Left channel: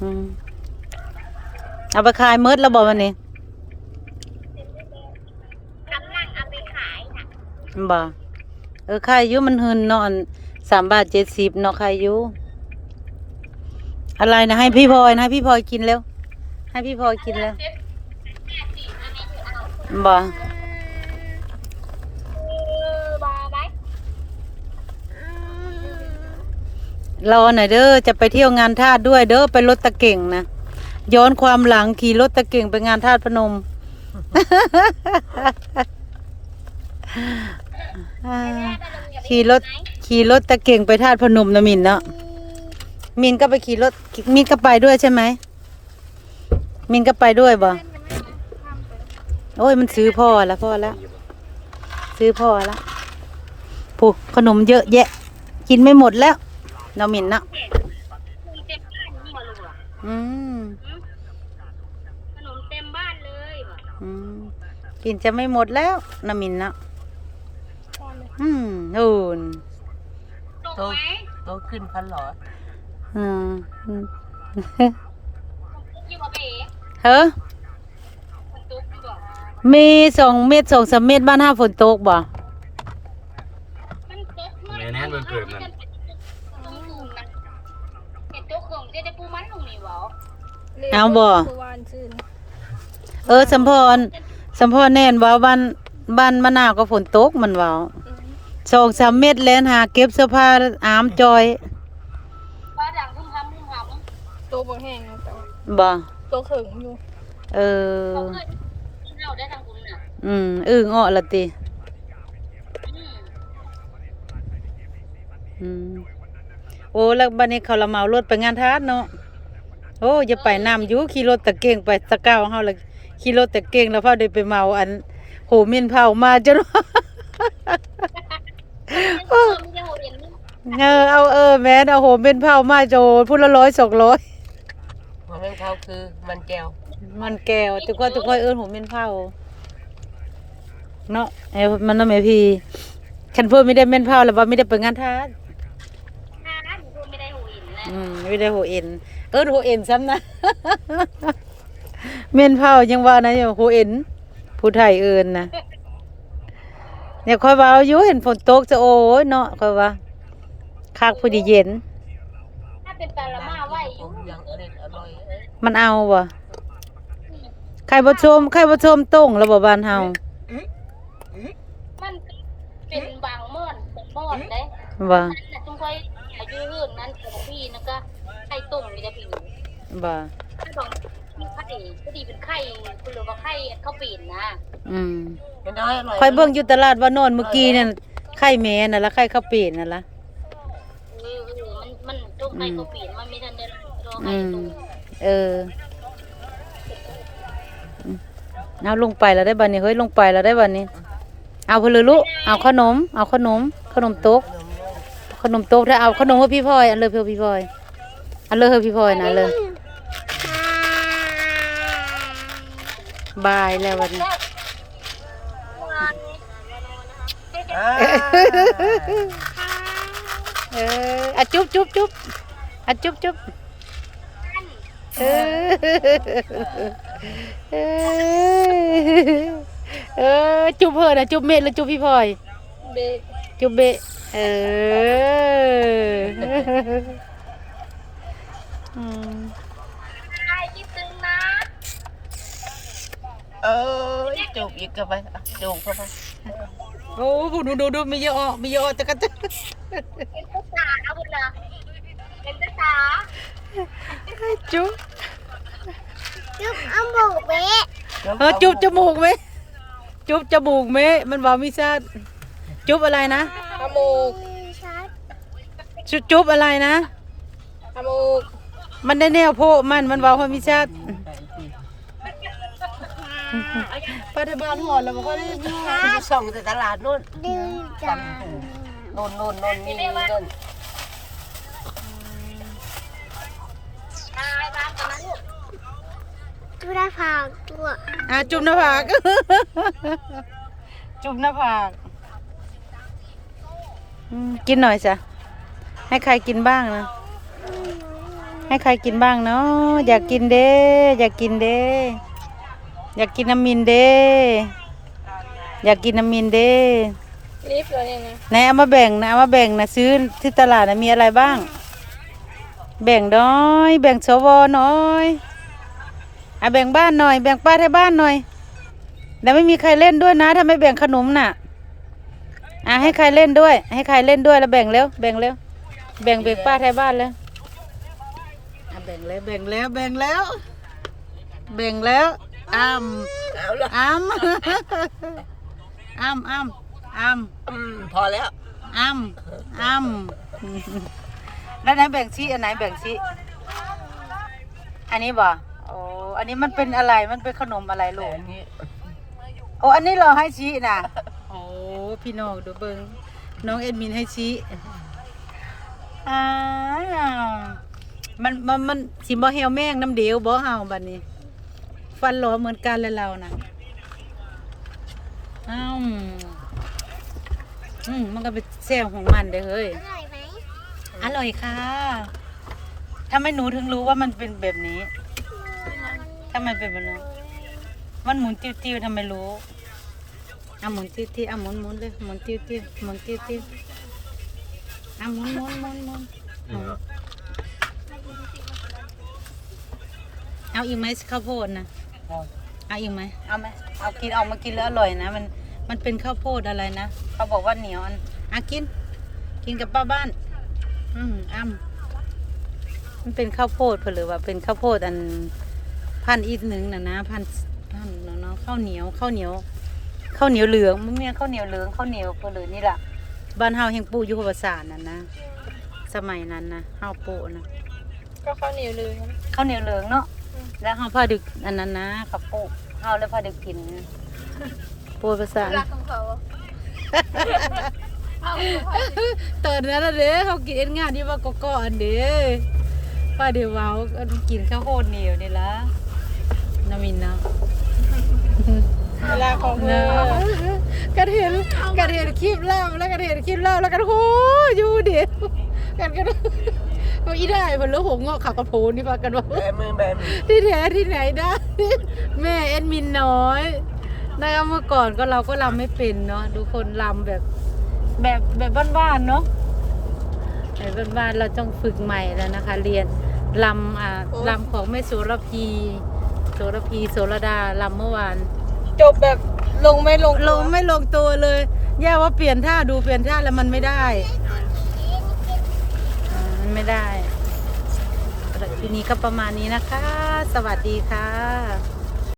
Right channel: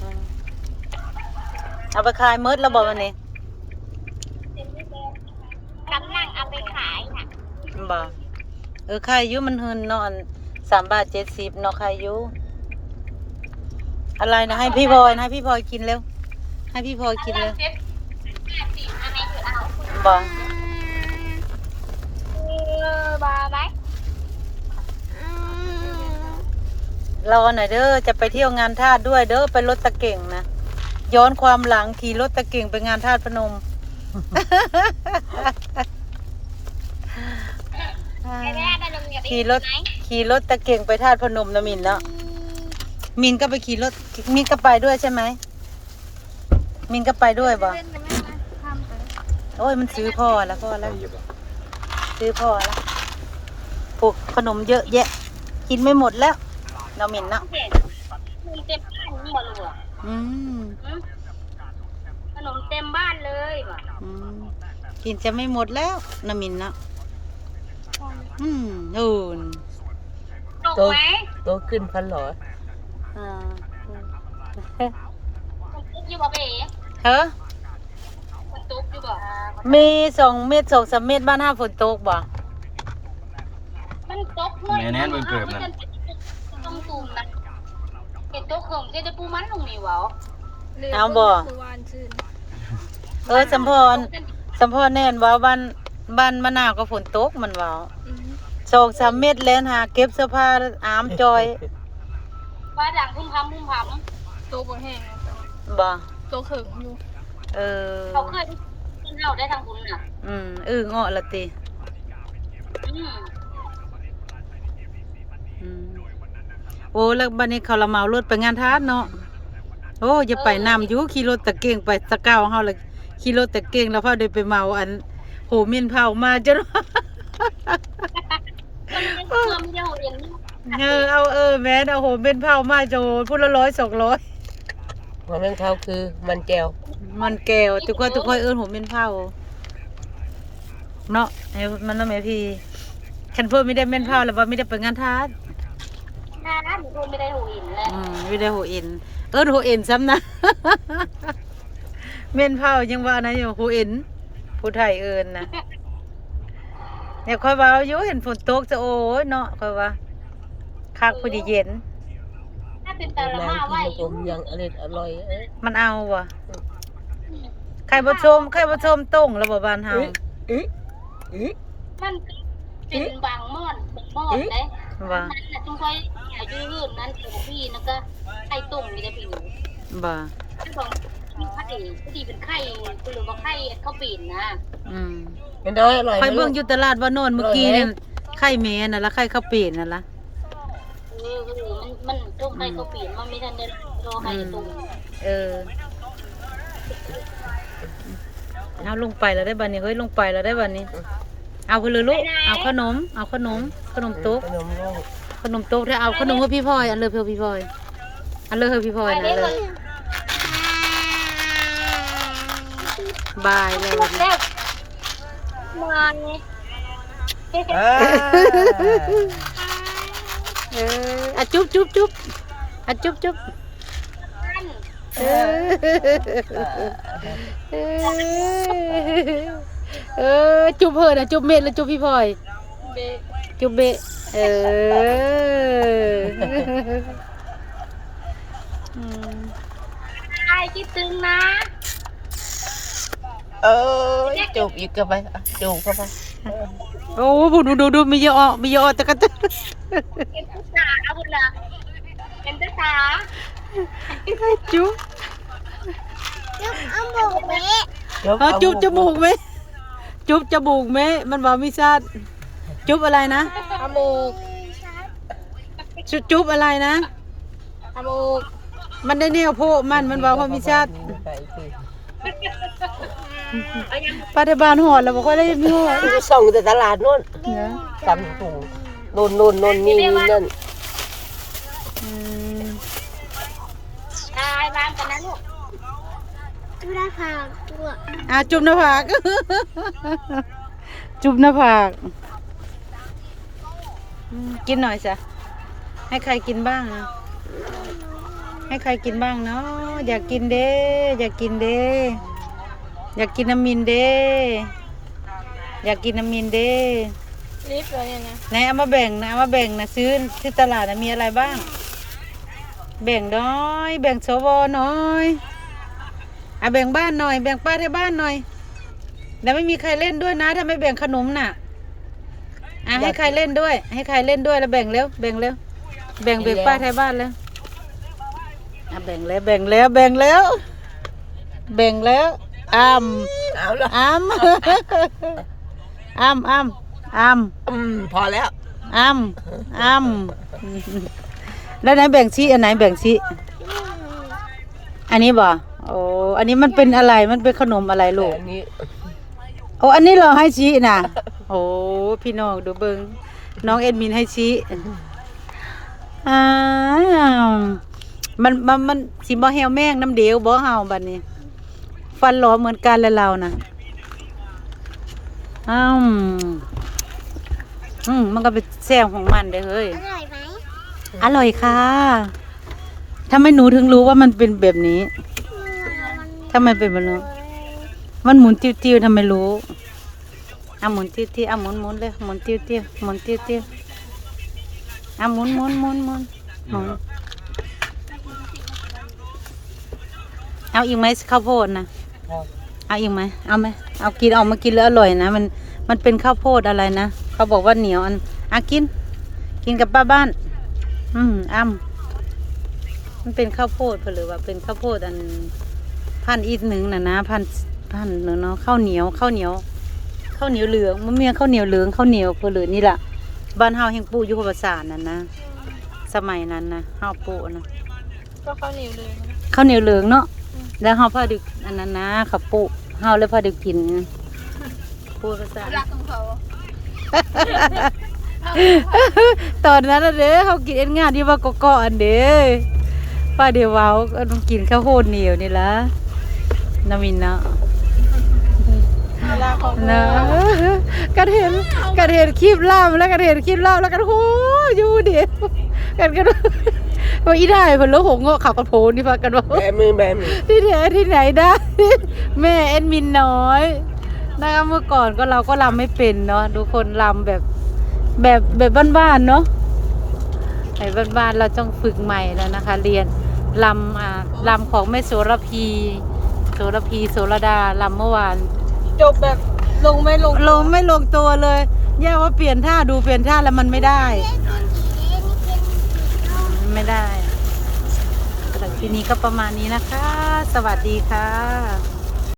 อืมเอาไปขายเมิดแล้วบอกวันนี้กำลังเอาไปขายน่ะบ่เออขายอยุมันหืนเนาะอันสามบาทเจ็ดสิบเนาะขายอยุอะไรนะให้พี่พลอยนะให้พี่พลอยกินเร็ว ให้พี่พลอยกินเลยเจ็ดแปดสิบอันไหนถือเอาบ่ รอหน่อยเด้อจะไปเที่ยวงานทาสด้วยเด้อไปรถตะเก่งนะย้อนความหลังขี่รถตะเก่งไปงานทาสพนมแม่แม่ได้ลงกับขี่รถไหนขี่รถตะเก่งไปทาสพนมนะมินเนาะมินก็ไปขี่รถมินก็ไปด้วยใช่ไหมมินก็ไปด้วยบ่โอ้ยมันซื้อพ่อแล้วพ่อแล้วซื้อพ่อแล้วผูกขนมเยอะแยะ กินไม่หมดแล้ว เรามินเนาะเห็นมีเต็มบ้านนี่หมดเลยว่ะอืมหืมขนมเต็มบ้านเลยว่ะอืมกินจะไม่หมดแล้วนามินเนาะอืมโอ้นตกไหมโตขึ้นพันหรออืมอืมฝนตกอยู่บ่เป๋เฮ้อฝนตกอยู่บ่มีสองเม็ดสองสามเม็ดบ้านห้าฝนตกบ่มันตกหมดแน่ๆมันเกิดนะมันต้องตุ่มนะเห็น ตกเขิงจะได้ปูมันลงนี่หวะเอาบ่เออสัมพรสัมพรแน่นว่าบ้านบ้านมะนาวก็ฝนตกมันว่าสองสามเม็ดแล้วหาเก็บเสื้อผ้าอามจอยว่าดังพุ่มพำพุ่มพตัวบางแห่งอยู่จ้ะบ่ตัวเขิงอยู่เออำเขาเคยขึ้นเท่าได้ทางคุณน่ะ อืมอึ้งอ้อละติอืมอืม โอ้แล้วบัดนี้เขาละเมารถไปงานทาสเนาะโอ้อย่าไปนำอยู่ขี่รถตะเกียงไปตะเก้าเฮาเลยขี่รถตะเกียงแล้วพาได้ไปเมาอันโหมินเผามาจนเพิ่มเดียวเห็นเออเอาเออแม่นเอาโหมินเผามาโจพูดละร้อยสองร้อยเพราะนั่นเขาคือมันแก้ว มันแก้วทุกคนทุกคนเอิ้นโหมินเผาเนาะเอ้ยมันน่ะแม่พี่ฉันเพิ่นไม่ได้เม่นเผาแล้วว่าไม่ได้ไปงานทาสนะหนูไม่ได้หูหินเลยอืมไม่ได้โหเอ็น เอิ้นโหเอ็นซ้ำนะเม่นเผายังว่านะอยู่โหเอ็น ผู้ไทยเอิ้นนะเนี่ยค่อยว่าอยู่เห็นฝนตกจะโอ้ยเนาะค่อยว่าคักผู้ดีเย็น ถ้าเป็นตะละมาไหวอผยู่มยังอร่อยอร่อยเอ้ยมันเอาบ่ใครบ่ชมใครบ่ชมต้งแล้วบ่บ้านเฮาเอ๊ะเอ๊ะมันเป็นบางม่อนเป็นม่อนเลยบ่ นั่นแหละจุงค่อย อายุรื่นนั้นของพี่นะก็ไข่ต้มมีแต่พี่บ่ที่บอกมีไข่ก็ดีเป็นไข่หรือว่าไข่ข้าวปีนนะอืมเป็นด้อยอร่อยค่อยเบิ่งอยู่ตลาดว่านอนเมื่อกี้เนี่ยไข่แม่น่ะละไข่ข้าวเปลี่ยนน่ะละ เออเออมันมันต้มไข่ข้าวปีนมันไม่ทันได้รอไข่ต้มเออเอาลงไปแล้วได้บัดนี้เฮ้ยลงไปแล้วได้บัดนี้ เอาเพนเลยลูกเอาขนม เอาขนม ขนมโต๊ะขนมโลก ขนมโต๊ะถ้าเอาขนมให้พี่พลอยอันเลยเพื่อพี่พลอยอันเลยเพื่อพี่พลอยนะเลยบายเลยวันนี้แซ่บมาเนี่ยอ่าเอออะจุ๊บจุ๊บจุ๊บอะจุ๊บจุ๊บอันเออเออเออจุ๊บเพื่อนนะจุ๊บเม็ดหรือจุ๊บพี่พลอยเบะ จุ๊บเบะเอออืมไอ้คิดถึงนะ เออจูบอีกเข้าไปอะจูบเข้าไปโอ้โหดูดูดูมีเยอะมีเยอะตะกันตะเป็นภาษาบุญละเป็นภาษาจุ๊บจุ๊บอ้ำบุกเบ๊ะเออจุ๊บจมูกไหมจุ๊บจมูกไหมมันบอกมีชาติ จุ๊บอะไรนะจมูกจุ๊บจุ๊บอะไรนะ จมูกมันได้แนวโพะมันมันบอกว่ามีชาติไปสิปัจจุบันหอดแล้วบอกว่าได้มีหอดที่จะส่งแต่ตลาดนู่นตำหูนู่นนู่นนู่นนี่นี่นั่นอืมตายบ้านกันนะลูกจุฬาภาตัวอะจุ๊บหน้าผาก จุ๊บหน้าผากอืม กินหน่อยจ้ะให้ใครกินบ้างนะให้ให้ใครกินบ้างเนาะอยากกินเด้ อยากกินเด้ อยากกินน้ำมินเด้ อยากกินน้ำมินเด้รีบเลยเนี่ยนะไหนเอามาแบ่งนะเอามาแบ่งนะซื้อที่ตลาดนะมีอะไรบ้าง แบ่งน้อย แบ่งสวน้อยอะแบ่งบ้านหน่อย แบ่งป้าให้บ้านหน่อย แล้วไม่มีใครเล่นด้วยนะถ้าไม่แบ่งขนมน่ะ อะให้ใครเล่นด้วย ให้ใครเล่นด้วยแล้วแบ่งเร็วแบ่งเร็วแบ่งแบ่งป้าให้บ้านแล้วอะแบ่งแล้วแบ่งแล้วแบ่งแล้ว แบ่งแล้วอ้ำเอาเลยอ้ำอ้ำอ้ำอ้ำอืมพอแล้วอ้ำอ้ำแล้วไหนแบ่งชี้อันไหนแบ่งชี้อันนี้บ่โอ้อันนี้มันเป็นอะไรมันเป็นขนมอะไรลูแต่กอันนี้โอ้อันนี้เราให้ชี้น่ะ โอ้พี่น้องดูเบิงน้องเอ็ดมินให้ชี้อ้าวมันมันมันสิบ่แฮวแมงน้ำเดียวบ่เฮาบัดนี้ ฟันหลอเหมือนกันเลยเรานะอ้าวอืมมันก็เป็นแซงของมันเด้อเฮ้ย อร่อยไหมอร่อยค่ะทำไมหนูถึงรู้ว่ามันเป็นแบบนี้ ทำไมเป็นแบบนี้มันหมุนติ้วๆทำไมรู้ อะหมุนติ้วๆอะหมุนหมุนเลยหมุนติ้วๆหมุนติ้วๆอะหมุนหมุนหมุนหมุนหมุนเอาอีกไหมข้าวโพดนะเอาอีกไหมเอาไหมเอากินเอามากินแล้วอร่อยนะ มันมันเป็นข้าวโพดอะไรนะเขาบอกว่าเหนียวอันอะกิน กินกับป้าบ้าน อืมอ้ำมันเป็นข้าวโพดหรือว่าเป็นข้าวโพดอันพันอีกหนึ่งนะนะพันพันเนอะเนาะข้าวเหนียวข้าวเหนียว ข้าวเหนียวเหลืองมันมีข้าวเหนียวเหลืองข้าวเหนียวคือเหลืองนี่แหละบ้านเฮาแห่งปูอยู่ภาษานั่นนะสมัยนั้นนะเฮาปูนะก็ข้าวเหนียวลืมข้าวเหนียวเหลืองเนาะแล้วเฮาพาดึกอันนั้นนะข้าวปูเฮาเลยพาดึกกินปูภาษารักของเขาตอนนั้นน่ะเด้เฮากินเอ็นงานที่ว่าก่อๆอันเด้ป้าเดี๋ยวเว้าก็ต้องกินข้าวโพดเหนียวนี่ละน้ำมินเนาะรักของ นะกันเห็นกันเห็นคลิปล่ามแล้วกันเห็นคลิปล่ามแล้วกันโหอยู่เดียวกันกันว่าอีได้เพิ่นแล้วหงเงาะขับกระโพนนี่พากันว่าแบมือแบมือที่แท้ที่ไหนได้ แม่เอ็ดมินน้อยนะคะเมื่อก่อนก็เราก็ลำไม่เป็นเนาะดูคนลำแบบแบบแบบบ้านๆเนาะไอ้บ้านๆเราต้องฝึกใหม่แล้วนะคะ เรียนลำอ่าลำของแม่โสระพีโสระพีโสระดาลำเมื่อวาน จบแบบลงไม่ลงลงไม่ลงตัวเลย แย่ว่าเปลี่ยนท่าดูเปลี่ยนท่าแล้วมันไม่ได้มันไม่ได้สำหรับทีนี้ก็ประมาณนี้นะคะ สวัสดีค่ะ